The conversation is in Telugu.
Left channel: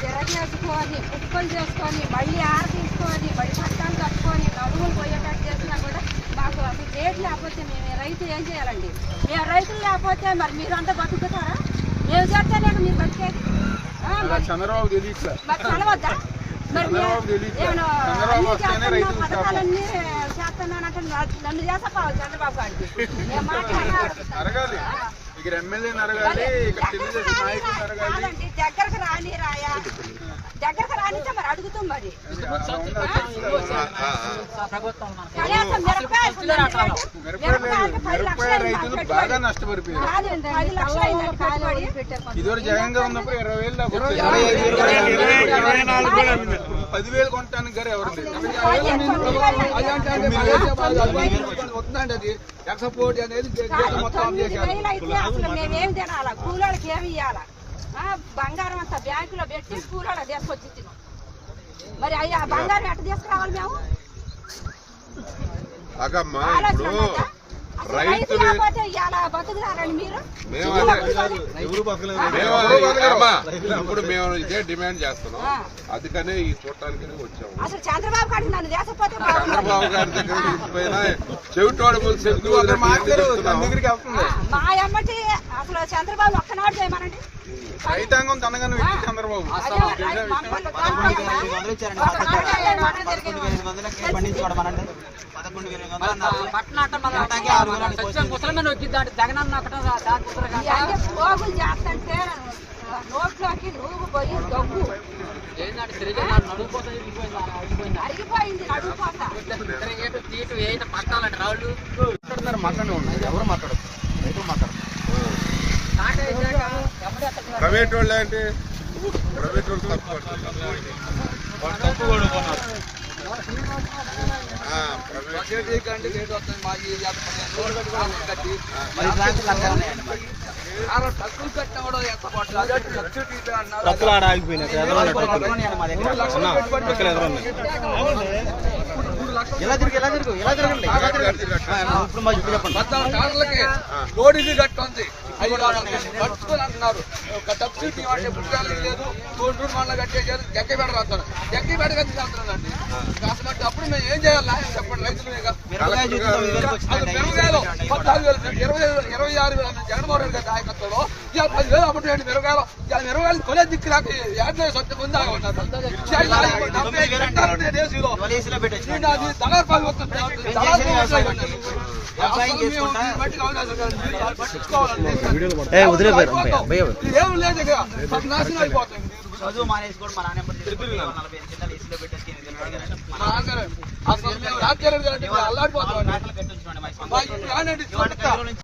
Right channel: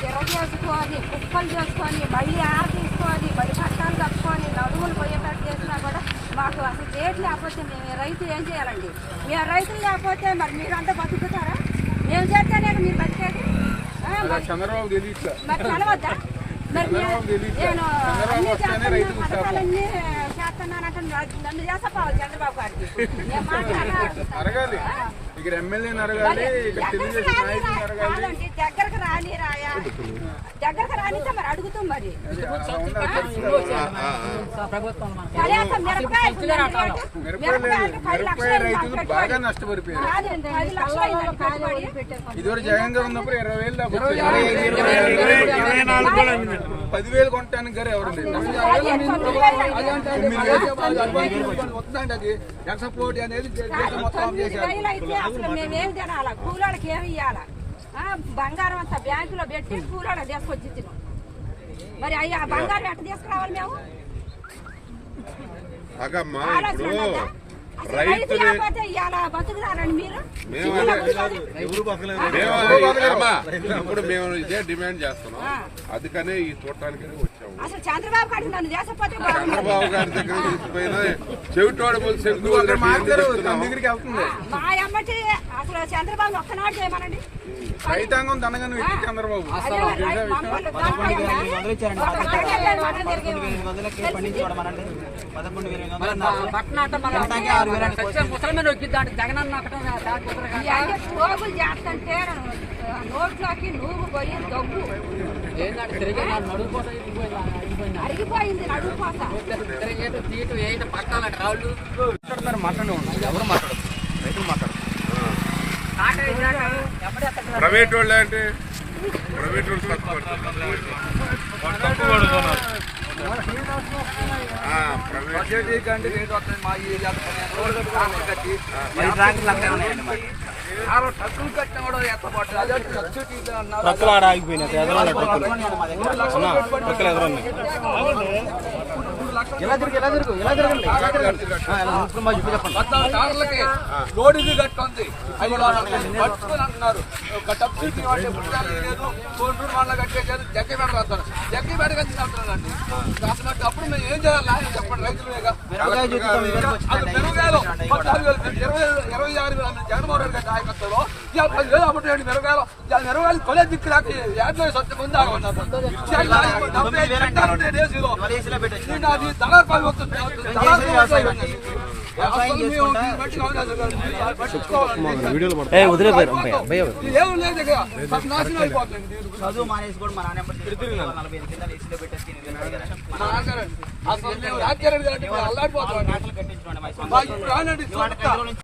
తిరగేసుకొని కుక్కలు చేసుకొని మళ్ళీ ఆర తీసుకొని బడి పట్టాలు కట్టుకొని నడువులు పోయేటట్టు చేసినా కూడా మాకు అసలు రేట్ లేకపోతే మేము రైతు ఏం చేయాలండి? మేము రైతులు లేకపోతే మరి మీరంతా బతుకుతారా? మేము చేస్తేనే మీరు బతికేది. చంద్రబాబు తెలియట్లే, మరి తెలవద్దా? పథకాలన్నీ చేస్తున్నానంటే నన్ను చేసపోవాలి చంద్రబాబు గారికి. అడగాలి, ఇక్కడ ఎమ్మెల్యేని అడగాలి, ఇక్కడ తెలుగుదేశం నాయకులను అడగాలి. దగ్గరకు రాని రాయా, దగ్గరకు రానిస్తే మరి అడుగుతాం. మరి మిరపకాయ రైతులు బాగా నష్టపడిపోయారు. ఇదివరకు జగన్ గా ఉన్నప్పుడు 20,000 10,000 కొనటానికి గారు ఎవరు లేదు. ఎక్స్పోర్ట్ అనేది మేమేం తినాలా? కూలోళ్ళకి ఏమి ఇవ్వాలా? బంగారం అంతా బ్యాంకులో పెట్టి కూలోళ్ళకి తీసుకొచ్చి ఇచ్చినాం. మరి అయ్యా బంగారం ఎట్ట తీసుకురావాలి? మేము రైతు లేకపోతే ఇవాళ బతుకుతారండి మీరు? ఇప్పుడు మేము ఇదే డిమాండ్ చేస్తున్నాం, అందుకనే ఈ చూడటానికి వచ్చాము. అసలు చంద్రబాబు గారు నన్ను చేసపోతే చంద్రబాబు గారి దగ్గర చెవిటోడ దగ్గరికి వెళ్తుంది. మా అమ్మటి అసలు చంద్రబాబు ఒక్కనాడు చేయమనండి. రైతాంగం తనగానే చంద్రబాబు పోగులు చేస్తుంటే నోట్లోకి నువ్వు పోయి దగ్గు అరిగిపోయింది. నడుపుపోతా ప్రైవేట్ వాళ్ళు అంటే ప్రైవేట్ వాళ్ళు తక్కువ రోడ్ ఇది కట్టుకుంది 5,000 పట్టుకుని అంటున్నారు. సబ్సిడీ అంటే పుట్టాలి లేదు, కోటూరు మళ్ళీ కట్టేది జగ్గపేట రాస్తాను, జగ్గపేట కలిసి వెళ్తున్నానండి. కాసినట్టు అప్పుడు మేము ఏం చేయాలి చెప్పండి? రైతులుగా మెరుగాయలు 14,000 26,000 జగన్మోహన్ రెడ్డి గారి నాయకత్వంలో 10,000 అప్పుడు మెరుగాయలు మెరుగాయలు కొనే దిక్కు లేక ఏదో సొంత ముందు ఆగమన్నారు. 75 చట్టాలు ఉంటాయి దేశంలో, అది దళార్పాలు వస్తుంది. ఏం లేదు, నాశనం అయిపోతుంది. చదువు మానేసి కూడా మా నాన్న అసలు మేము రాజకీయ అల్లాడిపోతాం.